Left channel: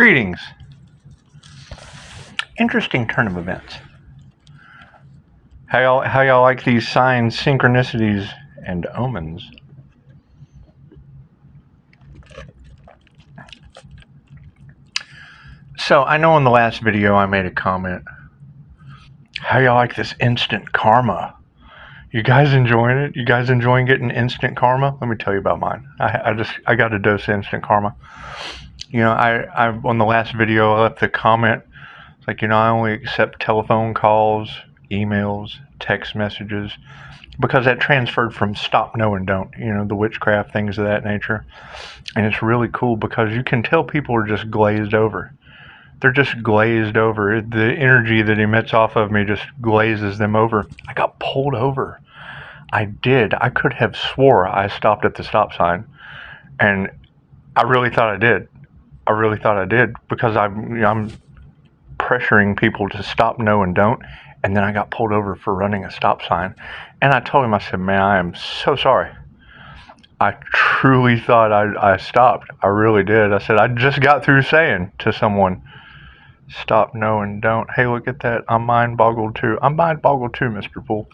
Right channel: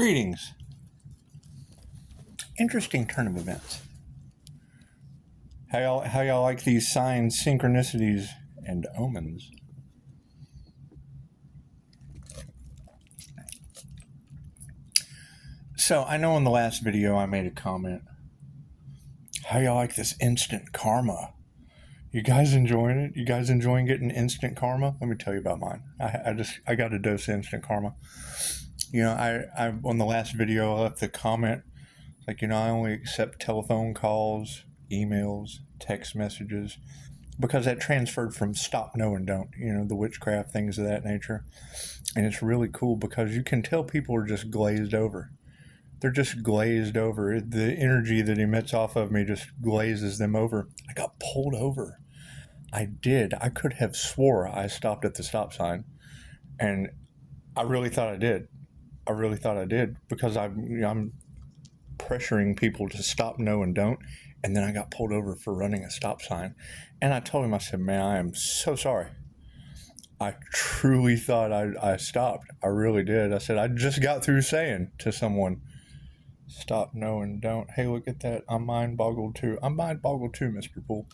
Greetings. Interesting turn of events. How y'all like these signs, synchronicities, and omens? So I know in the last video I made a comment. How y'all like this instant karma? You guys enjoying it? You guys enjoying getting instant karma? Let me tell you about mine. I got a dose of instant karma. You know, I on the last video I left the comment like, I only accept telephone calls, emails, text messages, because that transferred from stop, no, and don't, the witchcraft, things of that nature. And it's really cool because you can tell people are just glazed over. They're just glazed over. The energy that emits off of me just glazes them over. I got pulled over. I did. I could have swore I stopped at the stop sign. And I really thought I did. Because I'm pressuring people to stop, no, and don't. And then I got pulled over for running a stop sign. And I told him, I said, man, I am so sorry. I truly thought I stopped. I really did. I said, I just got through saying to someone, stop, no, and don't. Hey, look at that. I'm mind boggled too. Mr. Poole.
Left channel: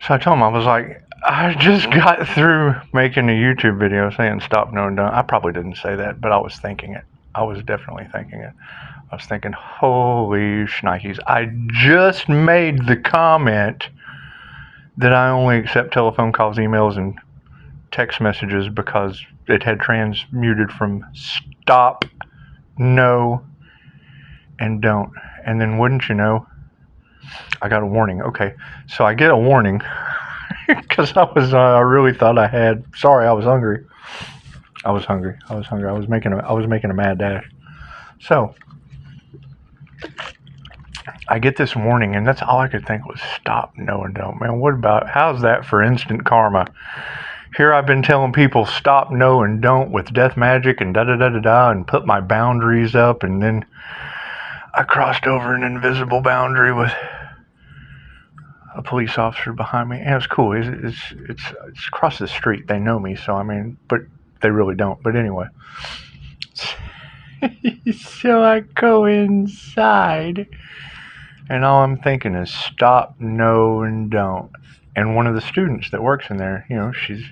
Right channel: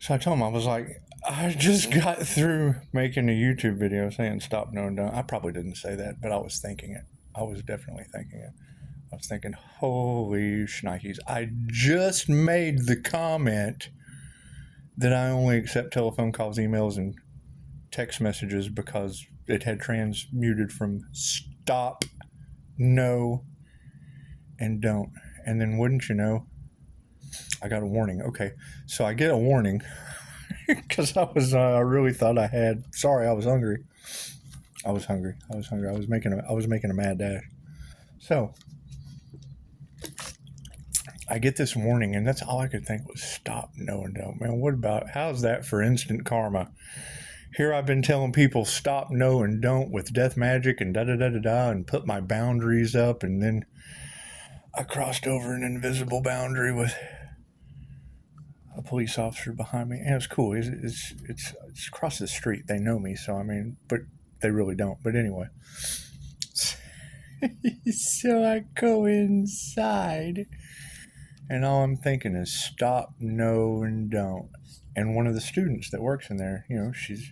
So I told him, I was like, I just got through making a YouTube video saying stop, no, and don't. I probably didn't say that, but I was thinking it. I was definitely thinking it. I was thinking, holy shnikes. I just made the comment that I only accept telephone calls, emails, and text messages because it had transmuted from stop, no, and don't. And then wouldn't you know, I got a warning. Okay, so I get a warning because I really thought I had. Sorry, I was hungry. I was making a mad dash. So I get this warning, and that's all I could think was stop, no, and don't. Man, how's that for instant karma? Here I've been telling people stop, no, and don't with death magic and da-da-da-da-da, and put my boundaries up, and then I crossed over an invisible boundary with a police officer behind me, and it was cool. It's across the street. They know me, so but they really don't. But anyway. So I go inside, and all I'm thinking is stop, no, and don't. And one of the students that works in there, she's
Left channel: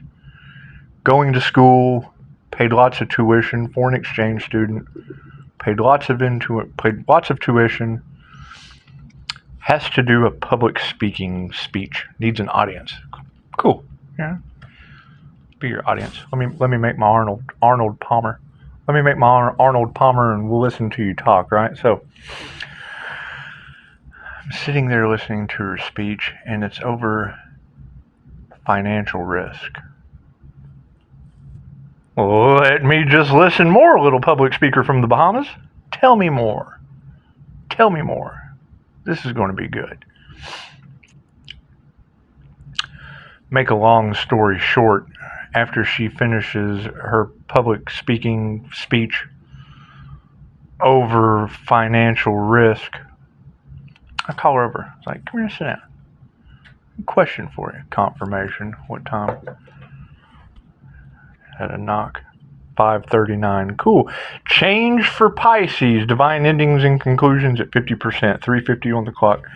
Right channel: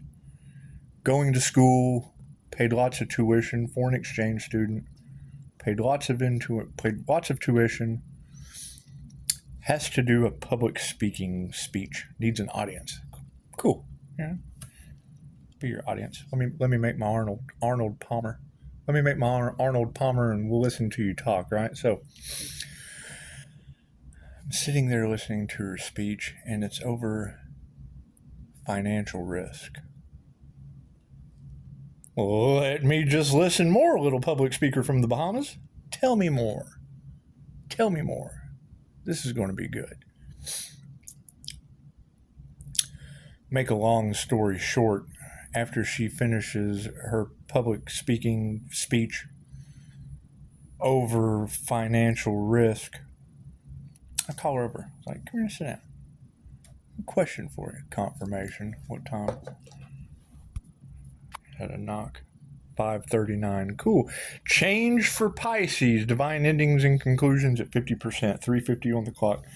going to school, paid lots of tuition, foreign exchange student, paid lots of tuition, has to do a public speaking speech, needs an audience. Cool, yeah. Be your audience. Let me make my Arnold Palmer. Let me make my Arnold Palmer, and we'll listen to you talk, right? So I'm sitting there listening to her speech, and it's over financial risk. Let me just listen more, little public speaker from the Bahamas. Tell me more. This is going to be good. Make a long story short, after she finishes her public speaking speech over financial risk, I call her over. It's like, come here, sit down. Question for you. Confirmation. What time? Had a knock. 5:39. Cool. Change for Pisces. Divine endings and conclusions at 50%. 3:50 on the clock.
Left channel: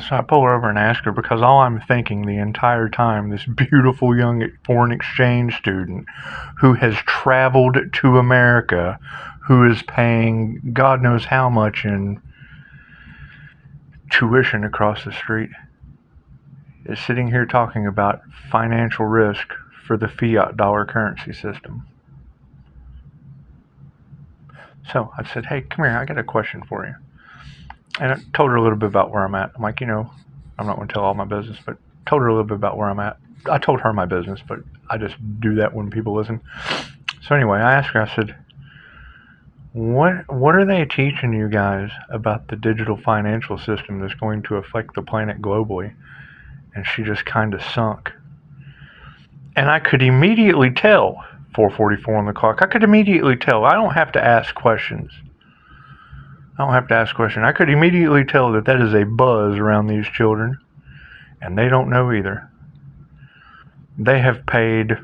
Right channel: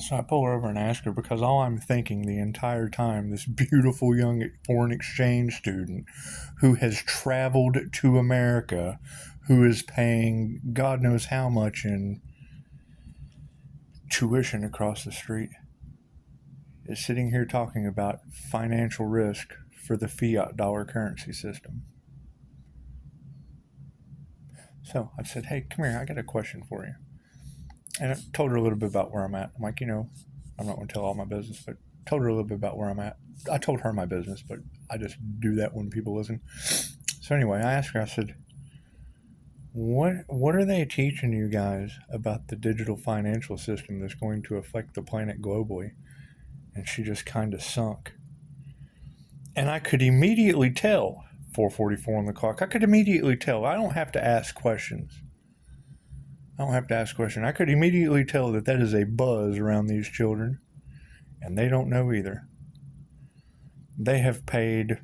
So I pull her over and ask her, because all I'm thinking the entire time, this beautiful young foreign exchange student who has traveled to America, who is paying God knows how much in tuition across the street, is sitting here talking about financial risk for the fiat dollar currency system. So I said, hey, come here, I got a question for you. And I told her a little bit about where I'm at. I'm like, I'm not going to tell all my business, but told her a little bit about where I'm at. I told her my business, but I just do that when people listen. So anyway, I asked her, I said, what are they teaching you guys about the digital financial system that's going to affect the planet globally? And she just kind of sunk. And I could immediately tell, 4:44 on the clock, I could immediately tell. I don't have to ask questions. I could immediately tell that is a buzz around these children, and they don't know either. They have paid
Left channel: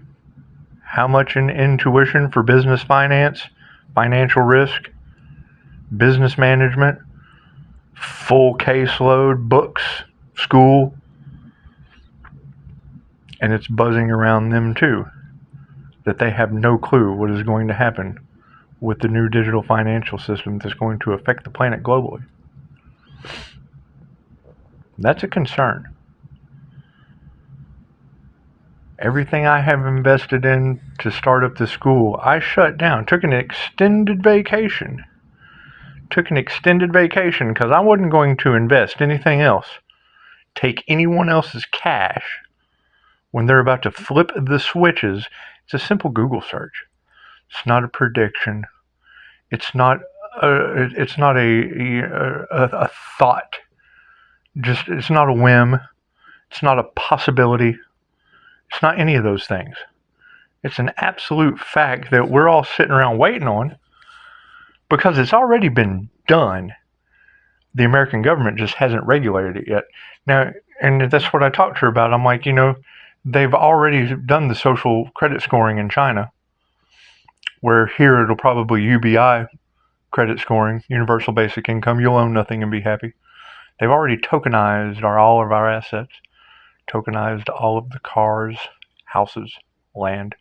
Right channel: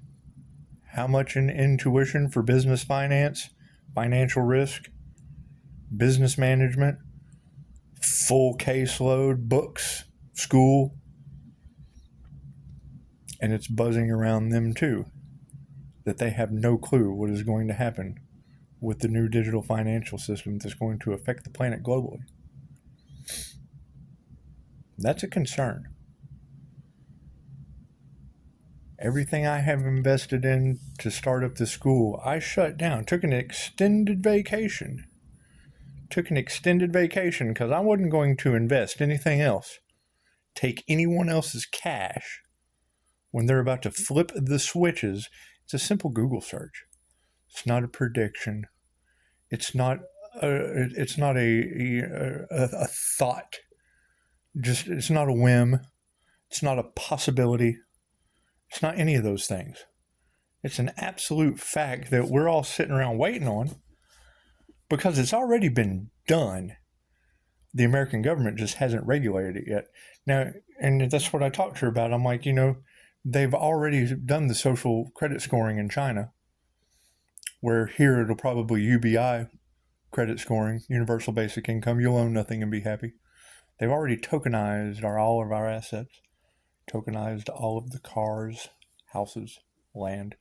how much in tuition for business finance? financial risk, business management, full caseload, books, school, and it's buzzing around them too, that they have no clue what is going to happen with the new digital financial system that's going to affect the planet globally. That's a concern. Everything I have invested in to start up the school, I shut down, took an extended vacation because I wasn't going to invest anything else, take anyone else's cash when they're about to flip the switches. It's a simple Google search. It's not a prediction. It's not a thought. It's not a whim. It's not a possibility. It's not any of those things. It's an absolute fact that we're all sitting around waiting on because it's already been done. The American government just hasn't regulated it yet. Now, and that's what I talked to her about. I'm like, they've already done the social credit scoring in China, where here it'll probably UBI credit scoring, universal basic income. You'll own nothing and be happy. They've already tokenized all of our assets, tokenized all of the cars, houses, land,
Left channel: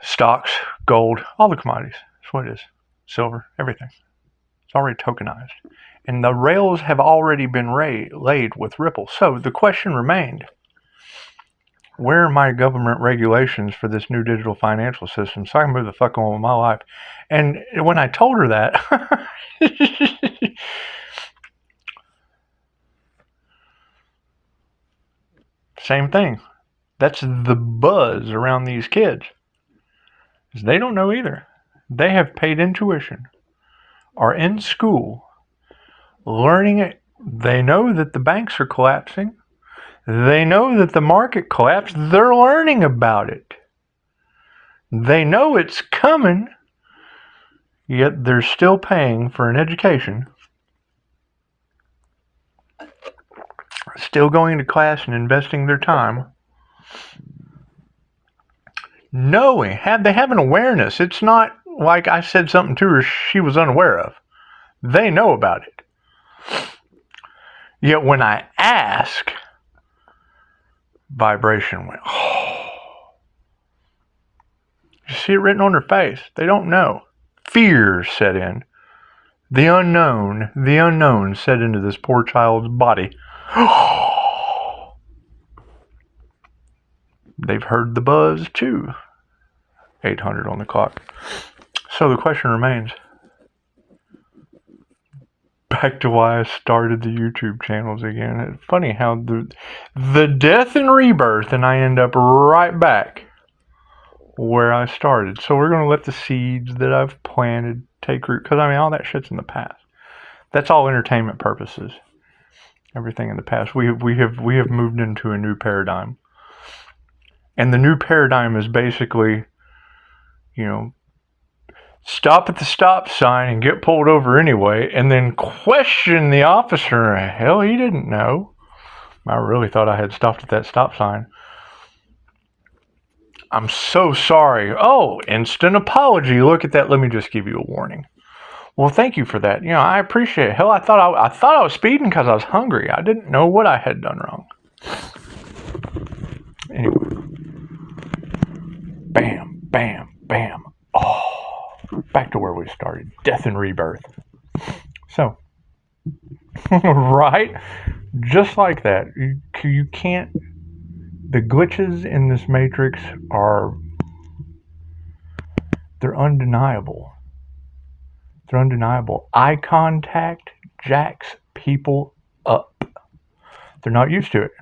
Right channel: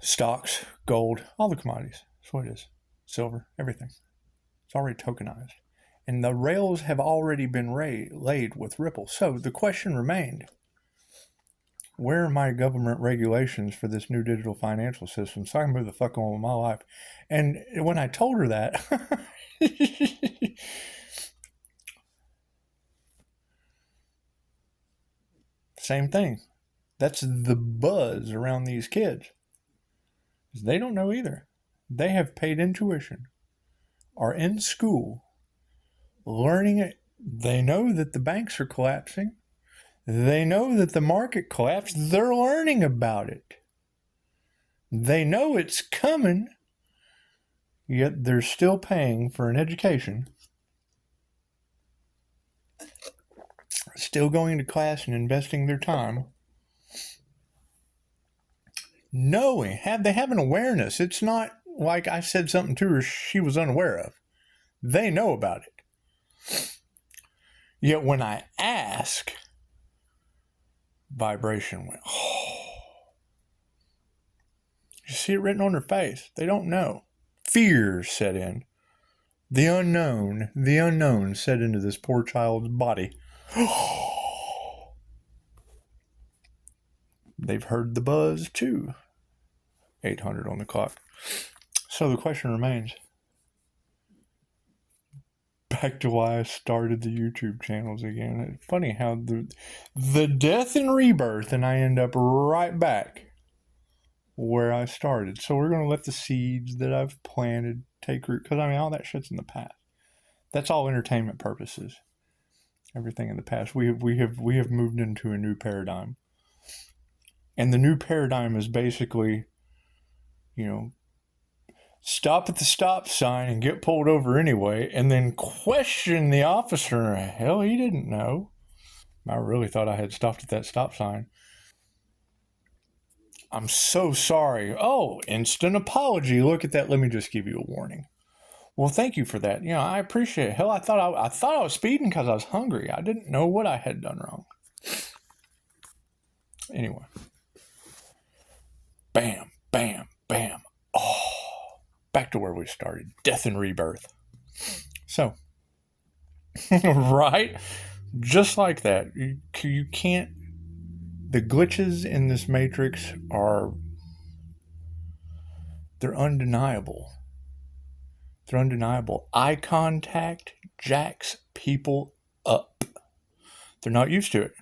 stocks, gold, all the commodities. That's what it is. Silver, everything. It's already tokenized. And the rails have already been laid with Ripple. So the question remained, where are my government regulations for this new digital financial system so I can move the fuck on with my life? And when I told her that, same thing. That's the buzz around these kids. They don't know either. They have paid in tuition, are in school, learning it. They know that the banks are collapsing. They know that the market collapsed. They're learning about it. They know it's coming, yet they're still paying for an education, still going to class and investing their time, knowing, they have an awareness. It's not like I said something to her she was unaware of. They know about it. Yet when I ask, vibration went, oh. You see it written on her face. They don't know. Fear set in. The unknown set into this poor child's body. They've heard the buzz too. 800 on the clock. So the question remains, back to why I started the YouTube channels again. It's funny how the death and rebirth, and I end up right back where I started. So we're going to let the seeds that I've planted take root, because all that shit's in the past. That's all entertainment purposes. Everything in the past. We have moved into a new paradigm. And the new paradigm is basically, stop at the stop sign and get pulled over anyway, and then question the officer. Hell, he didn't know. I really thought I had stopped at that stop sign. I'm so sorry. Oh, instant apology. Look at that. Let me just give you a warning. Well, thank you for that. I appreciate it. Hell, I thought I was speeding because I was hungry. I didn't know what I had done wrong. Anyway. Bam, bam, bam. Oh, back to where we started. Death and rebirth. So, right? Just like that. You can't... The glitches in this matrix they're undeniable. They're undeniable. Eye contact jacks people up. They're not used to it.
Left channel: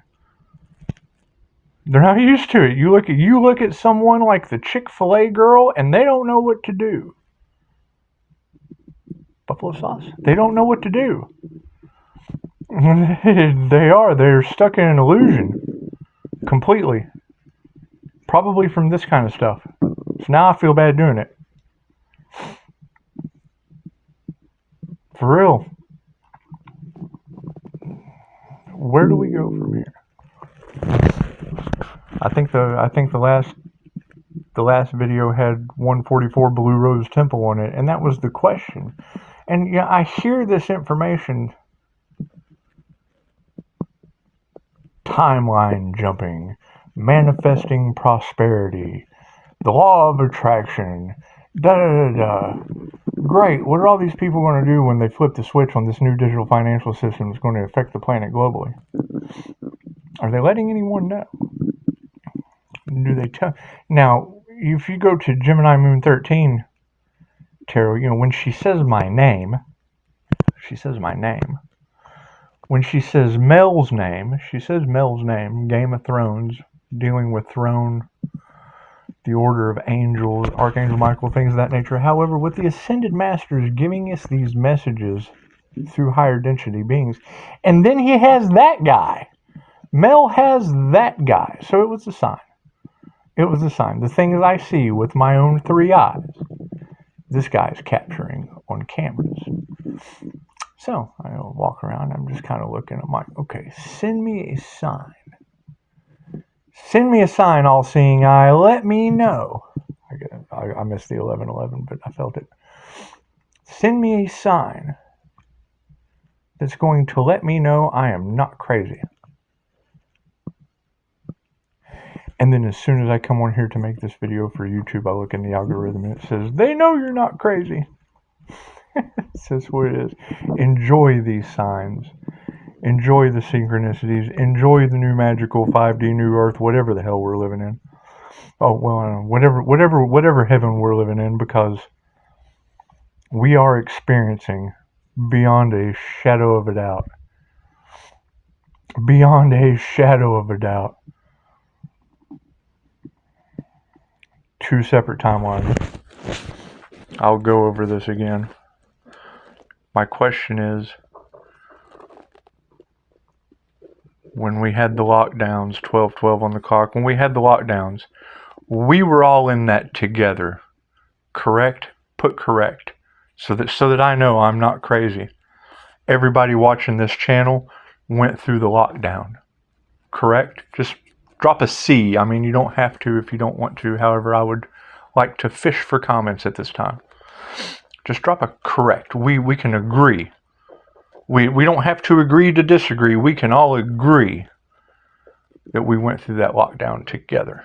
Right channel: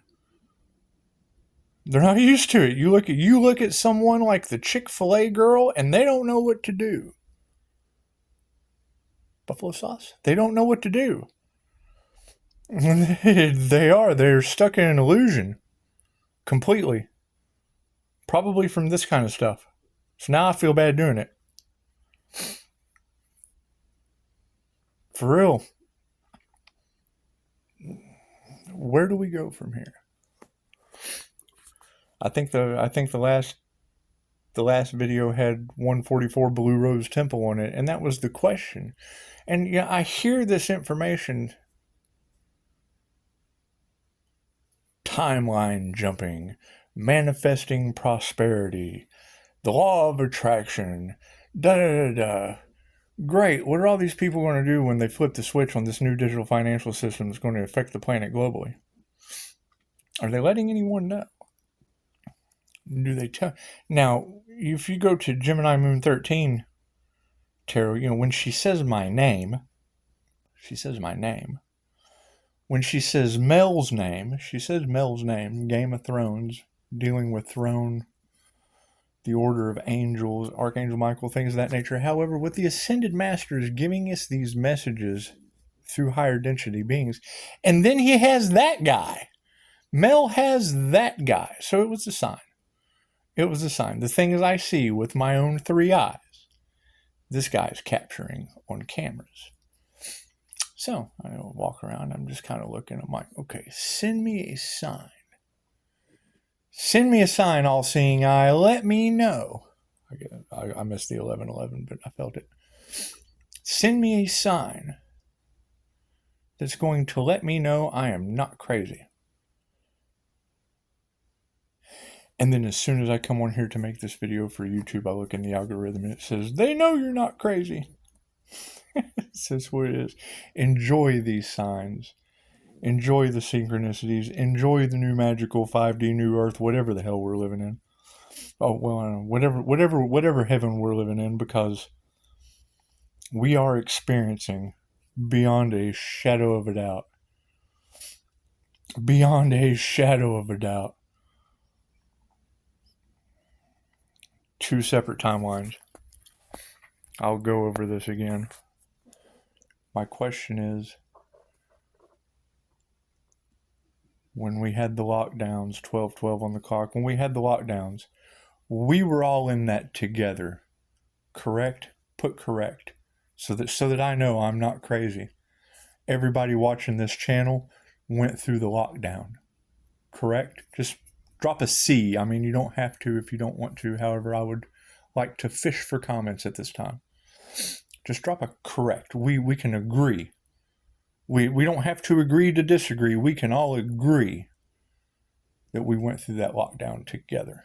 They're not used to it. You look at someone like the Chick-fil-A girl, and they don't know what to do. Buffalo sauce. They don't know what to do. They're stuck in an illusion. Completely. Probably from this kind of stuff. So now I feel bad doing it. For real. Where do we go from here? I think the last The last video had 144 Blue Rose Temple on it, and that was the question. And yeah, I hear this information. Timeline jumping, manifesting prosperity, the law of attraction, da da da da. Great. What are all these people going to do when they flip the switch on this new digital financial system that's going to affect the planet globally? Are they letting anyone know? Do they tell? Now, if you go to Gemini Moon 13 Tarot, when she says my name, when she says Mel's name, Game of Thrones, dealing with throne, the order of angels, Archangel Michael, things of that nature. However, with the Ascended Masters giving us these messages through higher density beings, and then he has that guy. Mel has that guy. So it was a sign. The things I see with my own 3 eyes, this guy's capturing on cameras. So I walk around, I'm just kind of looking at my, okay, send me a sign. Send me a sign, all-seeing eye. Let me know. I missed the 11:11, but I felt it. Send me a sign that's going to let me know I am not crazy. And then as soon as I come on here to make this video for YouTube, I look in the algorithm and it says, they know you're not crazy. That's what it is. Enjoy these signs. Enjoy the synchronicities. Enjoy the new magical 5D new earth, whatever the hell we're living in. Oh, well, whatever heaven we're living in, because we are experiencing beyond a shadow of a doubt. Beyond a shadow of a doubt. 2 separate timelines. I'll go over this again. My question is, when we had the lockdowns, 12/12 on the clock, when we had the lockdowns, we were all in that together. Correct? Put correct. So that I know I'm not crazy. Everybody watching this channel went through the lockdown. Correct? Just drop a C. I mean, you don't have to if you don't want to. However, I would like to fish for comments at this time. Just drop a correct. We can agree. We don't have to agree to disagree. We can all agree that we went through that lockdown together.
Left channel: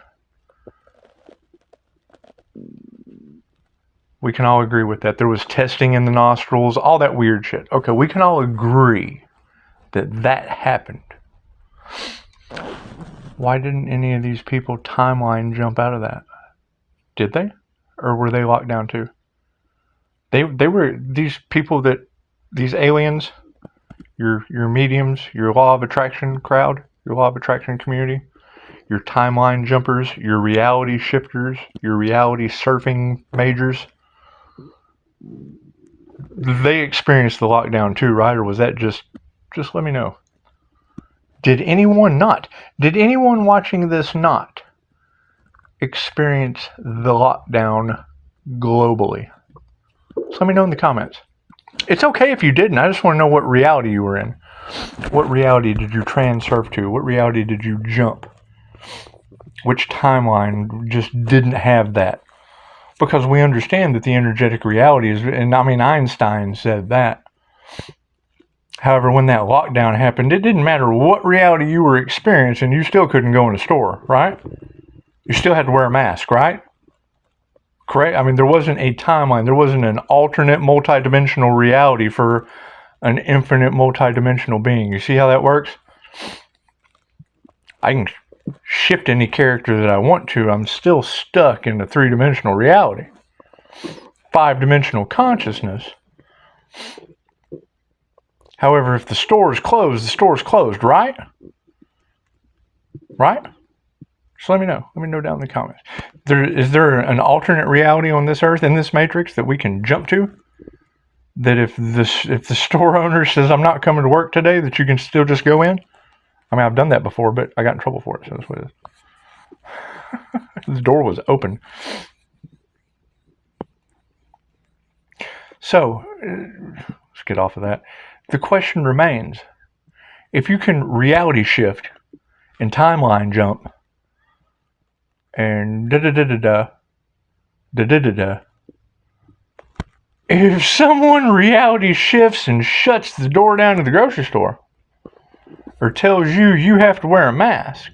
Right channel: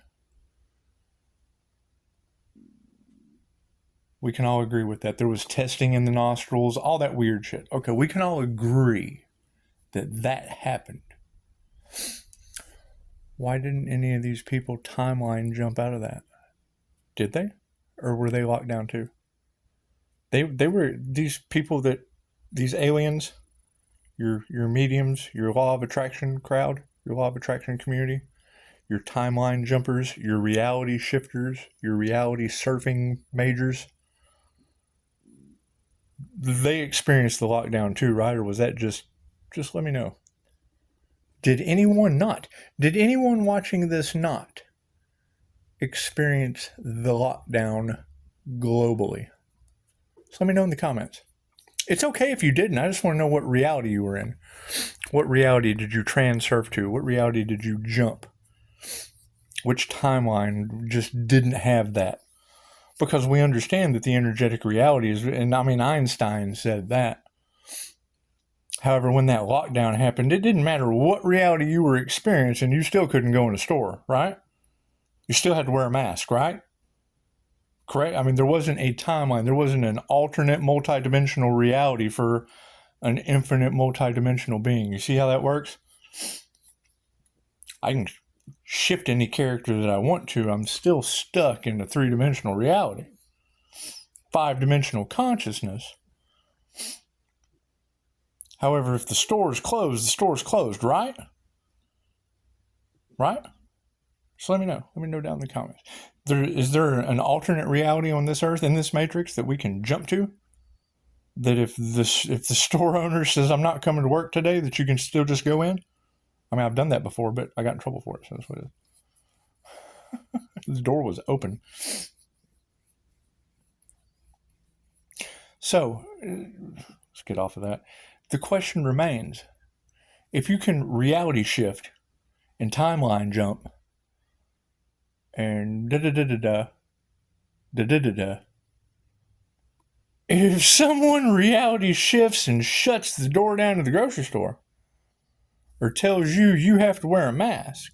We can all agree with that. There was testing in the nostrils, all that weird shit. Okay, we can all agree that that happened. Why didn't any of these people timeline jump out of that? Did they? Or were they locked down too? They were these people these aliens, your mediums, your law of attraction crowd, your law of attraction community, your timeline jumpers, your reality shifters, your reality surfing majors. They experienced the lockdown too, right? Or was that just let me know. Did anyone watching this not experience the lockdown globally? So let me know in the comments. It's okay if you didn't. I just want to know what reality you were in. What reality did you transurf to? What reality did you jump? Which timeline just didn't have that? Because we understand that the energetic reality is, and I mean, Einstein said that. However, when that lockdown happened, it didn't matter what reality you were experiencing, you still couldn't go in a store, right? You still had to wear a mask, right? Correct? I mean, there wasn't a timeline. There wasn't an alternate multidimensional reality for an infinite multidimensional being. You see how that works? I can shift any character that I want to. I'm still stuck in the 3-dimensional reality. 5-dimensional consciousness. However, if the store is closed, the store is closed, right? Right? So let me know. Let me know down in the comments. Is there an alternate reality on this earth, in this matrix, that we can jump to? That if the store owner says, I'm not coming to work today, that you can still just go in? I mean, I've done that before, but I got in trouble for it, so that's what it is. The door was open. So, let's get off of that. The question remains, if you can reality shift and timeline jump and da-da-da-da-da, da-da-da-da. If someone reality shifts and shuts the door down to the grocery store, or tells you you have to wear a mask,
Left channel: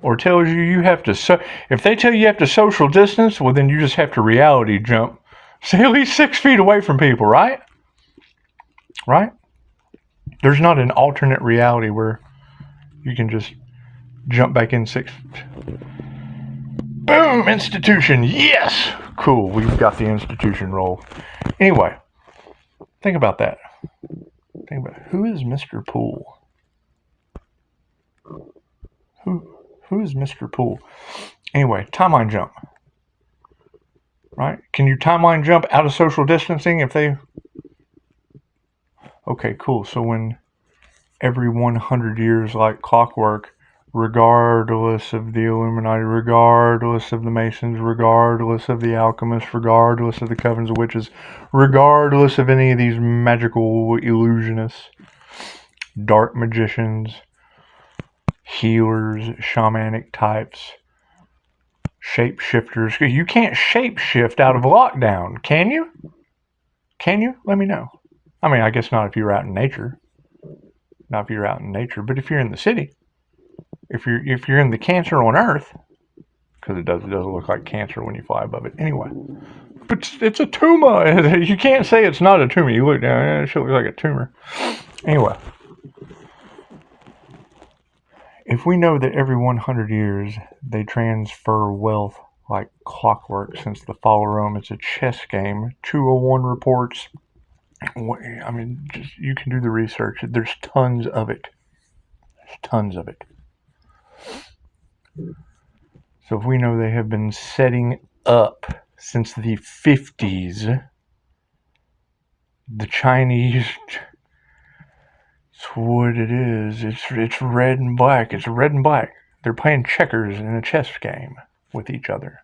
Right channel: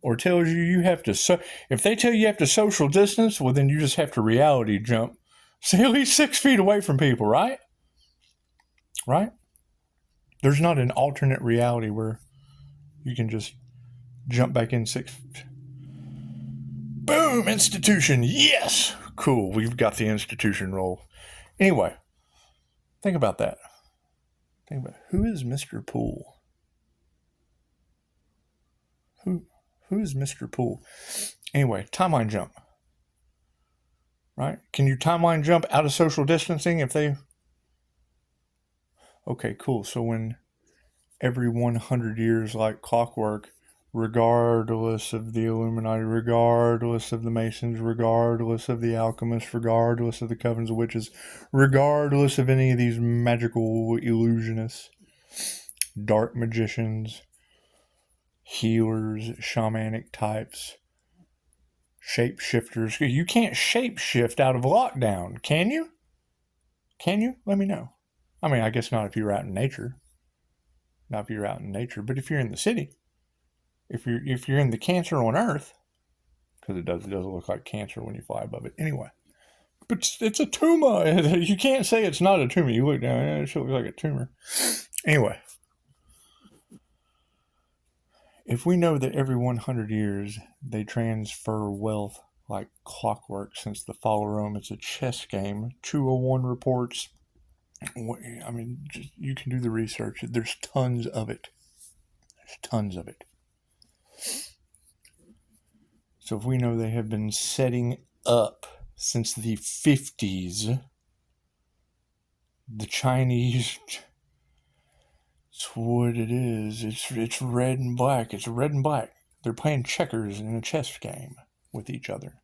or tells you have to, if they tell you have to social distance, well, then you just have to reality jump. Stay at least 6 feet away from people, right? Right? There's not an alternate reality where you can just jump back in 6. Boom! Institution! Yes! Cool, we've got the institution roll. Anyway, think about that. Think about it. Who is Mr. Poole? Who is Mr. Poole? Anyway, timeline jump. Right? Can you timeline jump out of social distancing if they... Okay, cool. So when every 100 years, like clockwork, regardless of the Illuminati, regardless of the Masons, regardless of the alchemists, regardless of the covens of witches, regardless of any of these magical illusionists, dark magicians, healers, shamanic types, shapeshifters. You can't shapeshift out of lockdown, can you? Can you? Let me know. I mean, I guess not if you're out in nature. Not if you're out in nature, but if you're in the city, if you're in the Cancer on Earth, because it does look like Cancer when you fly above it. Anyway, but it's a tumor. You can't say it's not a tumor. You look down, it looks like a tumor. Anyway, if we know that every 100 years they transfer wealth like clockwork since the fall of Rome, it's a chess game. 201 reports. I mean, you can do the research. There's tons of it. There's tons of it. So if we know they have been setting up since the 50s, the Chinese, it's what it is. It's red and black. It's red and black. They're playing checkers in a chess game with each other.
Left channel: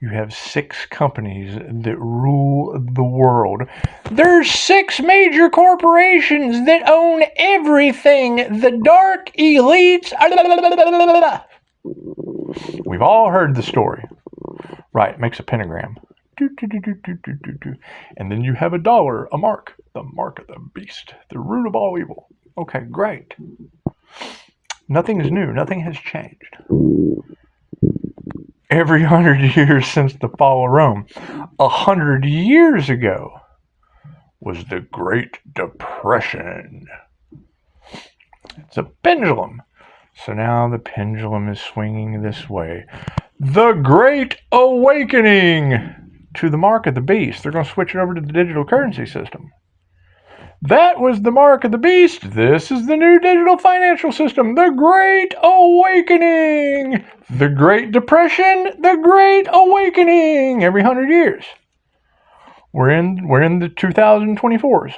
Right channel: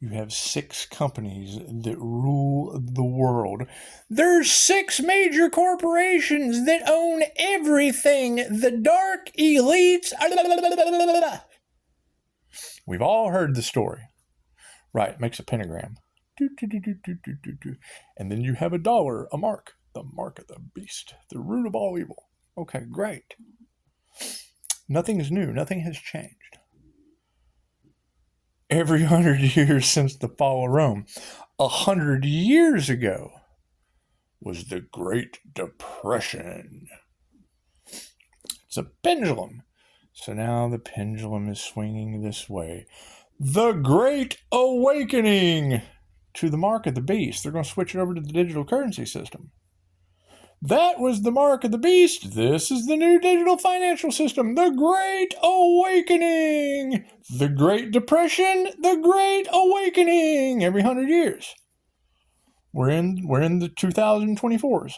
You have 6 companies that rule the world. There's 6 major corporations that own everything. The dark elites. We've all heard the story. Right, makes a pentagram. And then you have a dollar, a mark. The mark of the beast. The root of all evil. Okay, great. Nothing is new. Nothing has changed. Every 100 years since the fall of Rome. 100 years ago was the Great Depression. It's a pendulum. So now the pendulum is swinging this way. The Great Awakening to the mark of the beast. They're going to switch it over to the digital currency system. That was the mark of the beast. This is the new digital financial system. The Great Awakening. The Great Depression. The Great Awakening. Every 100 years. We're in the 2024s.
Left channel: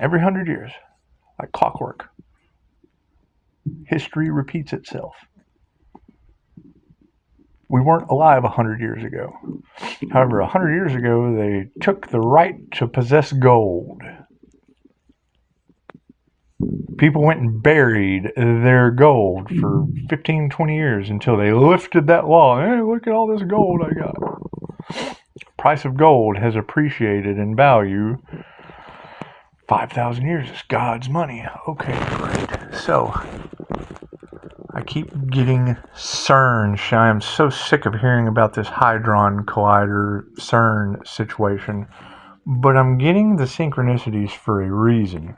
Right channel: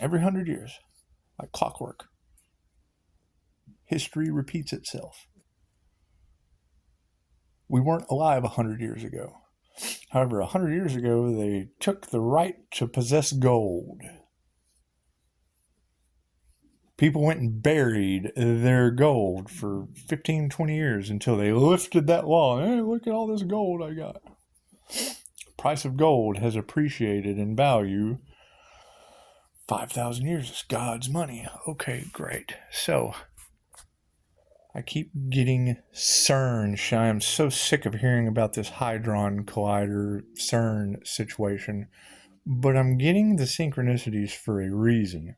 Every 100 years. Like clockwork. History repeats itself. We weren't alive 100 years ago. However, 100 years ago, they took the right to possess gold. People went and buried their gold for 15, 20 years until they lifted that law. Hey, look at all this gold I got. Price of gold has appreciated in value. 5,000 years is God's money. Okay, great. So, I keep getting CERN. I am so sick of hearing about this Hadron Collider CERN situation. But I'm getting the synchronicities for a reason.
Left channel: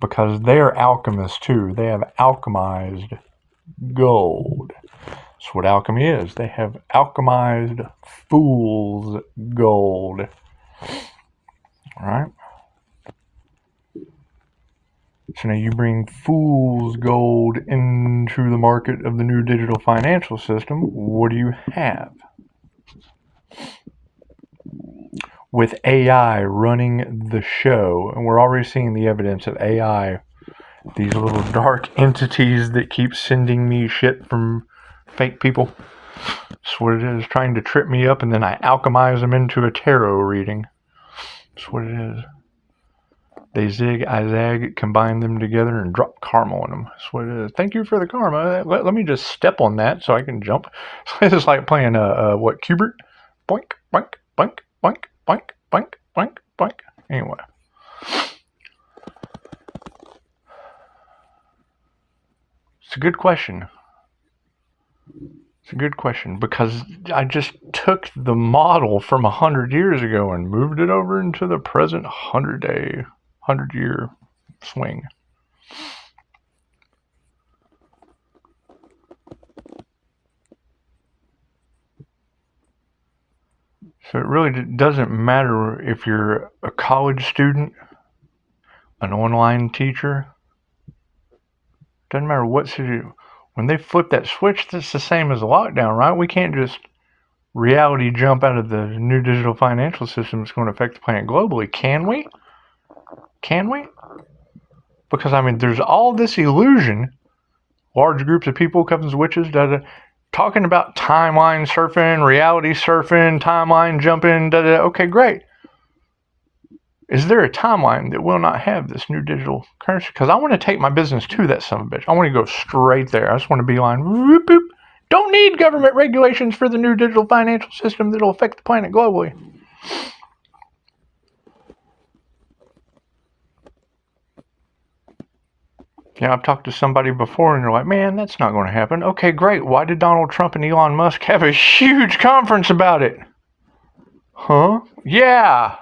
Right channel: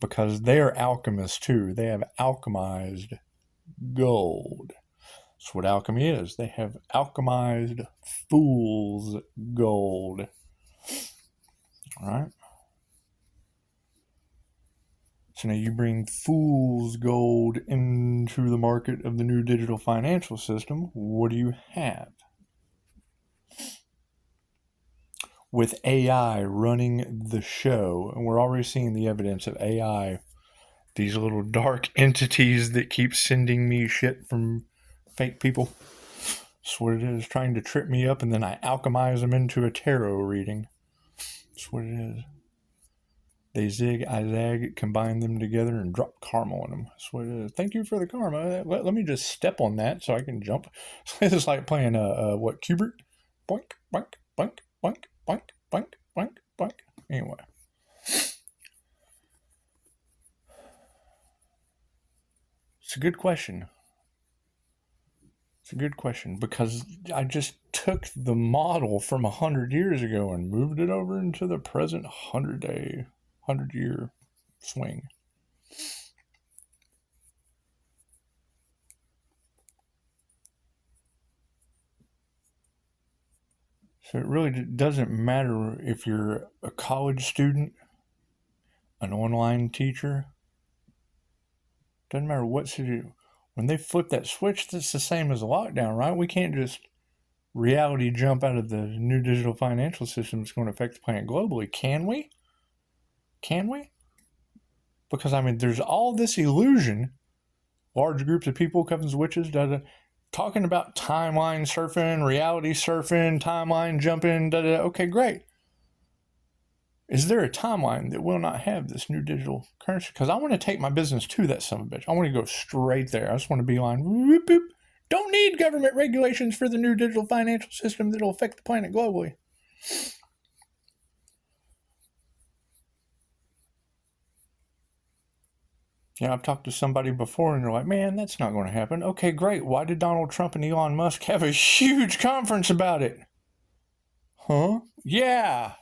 Because they are alchemists too. They have alchemized gold. That's what alchemy is. They have alchemized fool's gold. All right? So now you bring fool's gold into the market of the new digital financial system. What do you have? With AI running the show, and we're already seeing the evidence of AI, these little dark entities that keep sending me shit from fake people. That's what it is, trying to trip me up, and then I alchemize them into a tarot reading. That's what it is. They zig, I zag, combine them together, and drop karma on them. That's what it is. Thank you for the karma. Let me just step on that so I can jump. It's like playing what, Cubert? Boink, boink, boink, boink, boink, boink, boink, boink. Anyway. It's a good question. It's a good question because I just took the model from 100 years ago and moved it over into the present 100-year swing. So it really doesn't matter if you're a college student, an online teacher. Doesn't matter what city. When they flip that switch, that's the same as a lockdown, right? We can't just reality jump out of the new digital financial system that's going to affect the planet globally. Can we? Can we? Because, I mean, there's all this illusion, large groups of people, covens, witches, talking about timeline surfing, reality surfing, timeline jumping, Okay, great. Is there a timeline that will not have this new digital currency? Because I want to take my business to that son of a bitch. I want to go straight there. I just want to be on, whoop, whoop. Don't need government regulations for the new digital financial system that will affect the planet globally. Yeah, I've talked to somebody before and they're like, man, that's not going to happen. Okay, great. Why did Donald Trump and Elon Musk have a huge conference about it? Huh? Yeah.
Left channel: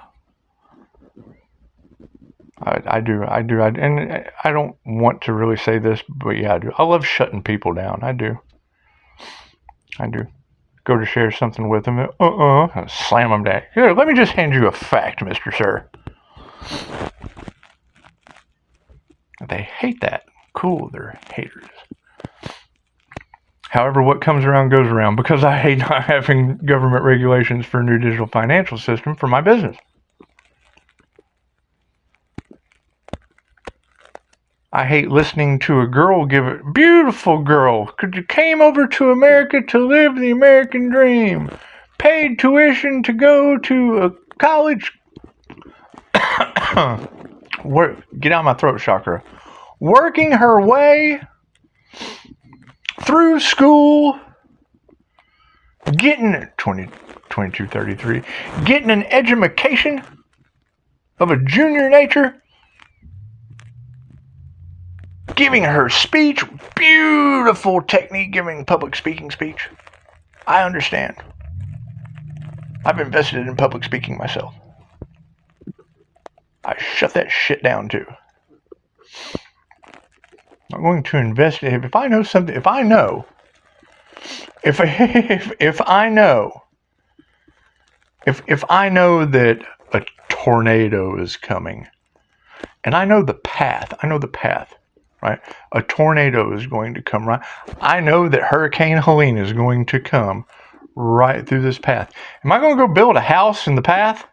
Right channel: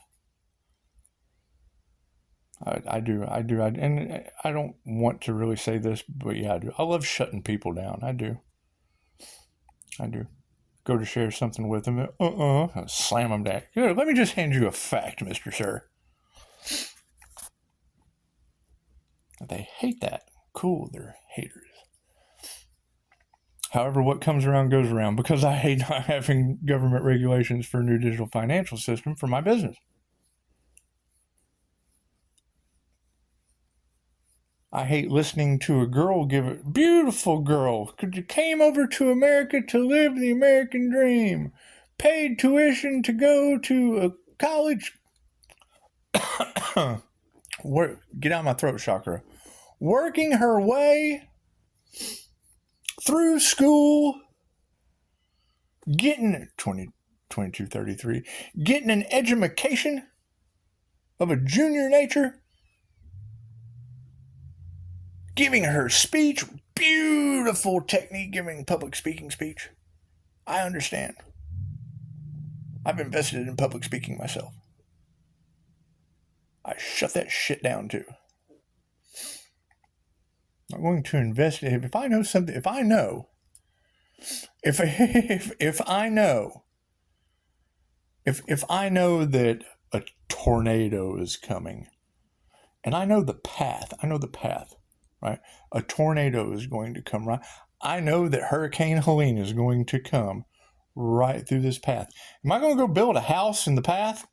I do, and I don't want to really say this, but yeah, I do. I love shutting people down. I do. Go to share something with them, slam them down. Here, let me just hand you a fact, Mr. Sir. They hate that. Cool, they're haters. However, what comes around goes around because I hate not having government regulations for a new digital financial system for my business. I hate listening to a girl give it, beautiful girl, came over to America to live the American dream, paid tuition to go to a college, get out of my throat chakra, working her way through school, getting 2233, getting an education of a junior nature, giving her speech, beautiful technique giving public speaking speech. I understand. I've invested in public speaking myself. I shut that shit down too. I'm going to invest if I know something. If I know that a tornado is coming, and I know the path. Right? A tornado is going to come right. I know that Hurricane Helene is going to come right through this path. Am I going to go build a house in the path?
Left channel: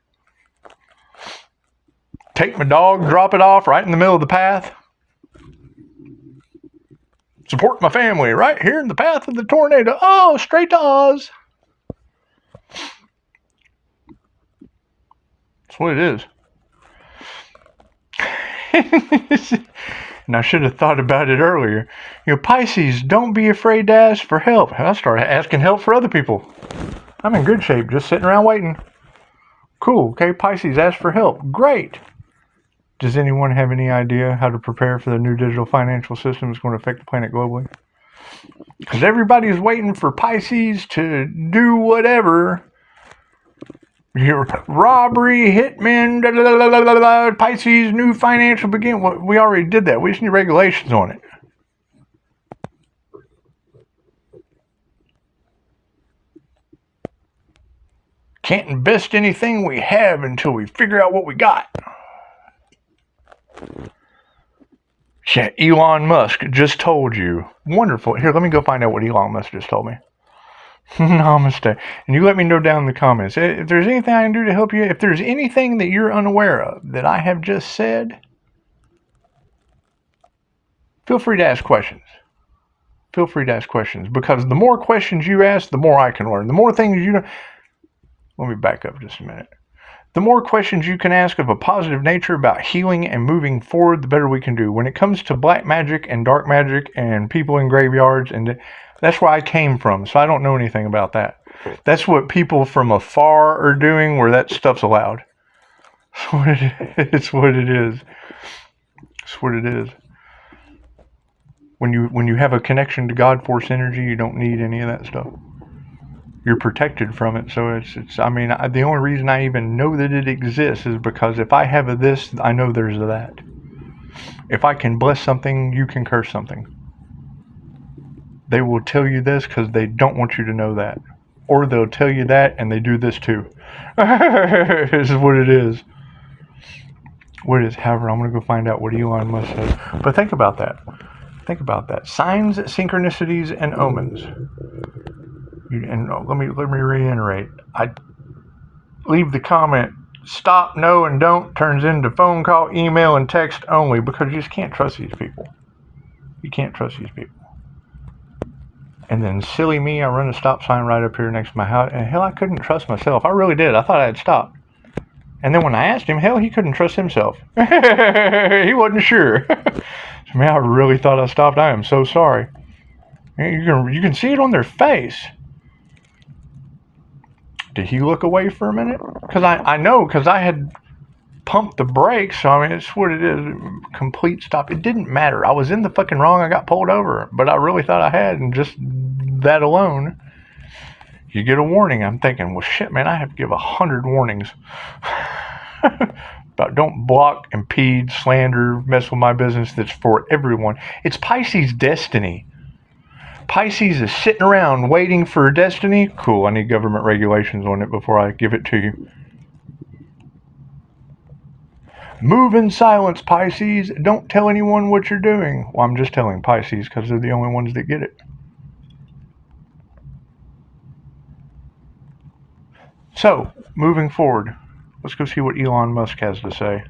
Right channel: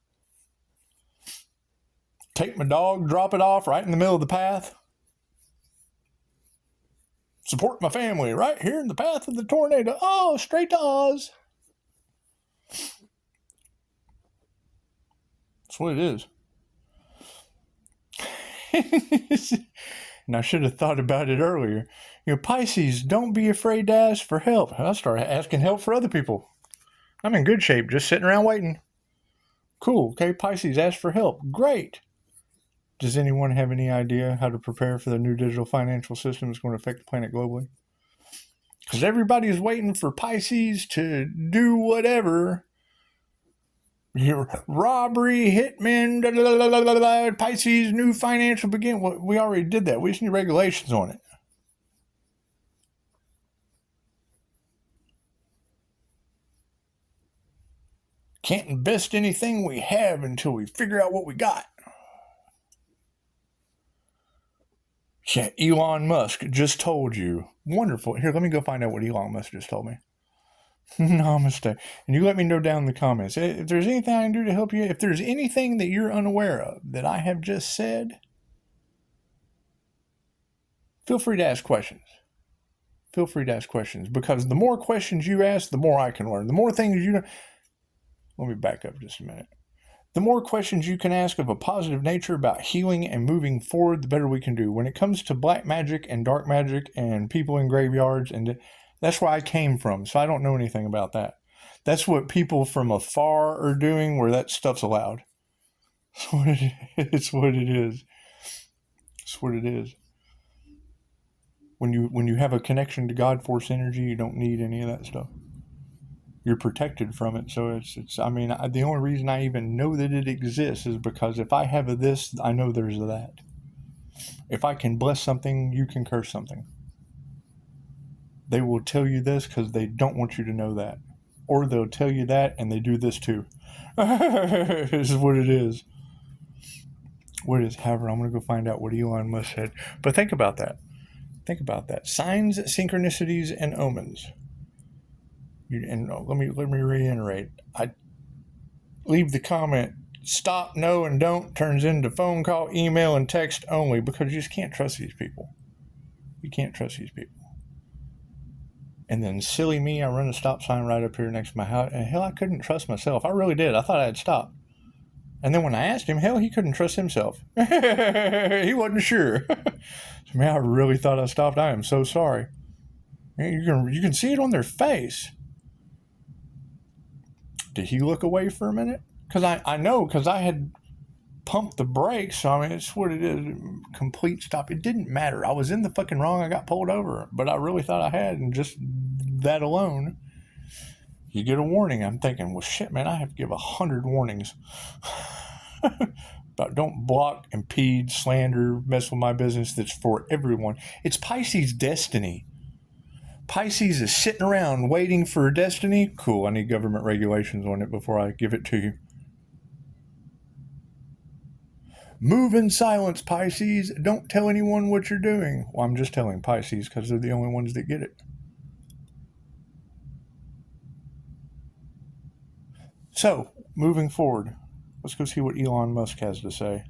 Take my dog, drop it off right in the middle of the path? Support my family right here in the path of the tornado. Oh, straight to Oz. That's what it is. And I should have thought about it earlier. Pisces, don't be afraid to ask for help. I started asking help for other people. I'm in good shape, just sitting around waiting. Cool, okay, Pisces, ask for help. Great. Does anyone have any idea how to prepare for the new digital financial system that's going to affect the planet globally? Because everybody's waiting for Pisces to do whatever. Robbery, hitmen, Pisces, new financial begin. We already did that. We just need regulations on it. Can't invest anything we have until we figure out what we got. Yeah, Elon Musk just told you. Wonderful. Here, let me go find out what Elon Musk just told me. Namaste. And you let me know down in the comments. If there's anything I can do to help you, if there's anything that you're unaware of that I have just said, feel free to ask questions. Because the more questions you ask, the more I can learn. The more things you know. Let me back up just a minute. The more questions you can ask of a positive nature about healing and moving forward, the better we can do. When it comes to black magic and dark magic and people in graveyards, and that's where I came from, so I don't know anything about that. That's what people from afar are doing, where that stuff's allowed. It's what it is. It's what it is. When you have a connection to God force energy, you don't need any of that stuff. You're protected from it. So it's I mean, the only reason I even know that it exists is because if I have a this, I know there's a that. If I can bless something, you can curse something. They will tell you this because they don't want you to know that. Or they'll tell you that and they do this too. This is what it is. What it is. However, I'm going to go find out what Elon Musk said. But think about that. Think about that. Signs, synchronicities, and omens. And let me reiterate. I leave the comment, stop, no, and don't turns into phone call, email, and text only, because you just can't trust these people. You can't trust these people. And then silly me, I run a stop sign right up here next to my house, and hell, I couldn't trust myself. I really did. I thought I had stopped. And then when I asked him, hell, he couldn't trust himself. He wasn't sure. Man, I really thought I stopped. I am so sorry. You can see it on their face. Did he look away for a minute? Because I know, because I had pumped the brakes. So, I mean, it's what it is. Complete stop. It didn't matter. I was in the fucking wrong. I got pulled over. But I really thought I had. And just that alone, you get a warning. I'm thinking, well, shit, man, I have to give 100 warnings. About don't block, impede, slander, mess with my business. That's for everyone. It's Pisces destiny. Pisces is sitting around waiting for destiny. Cool, I need government regulations on it before I give it to you. Move in silence, Pisces. Don't tell anyone what you're doing. Well, I'm just telling Pisces because they're the only ones that get it. So, moving forward, let's go see what Elon Musk has to say.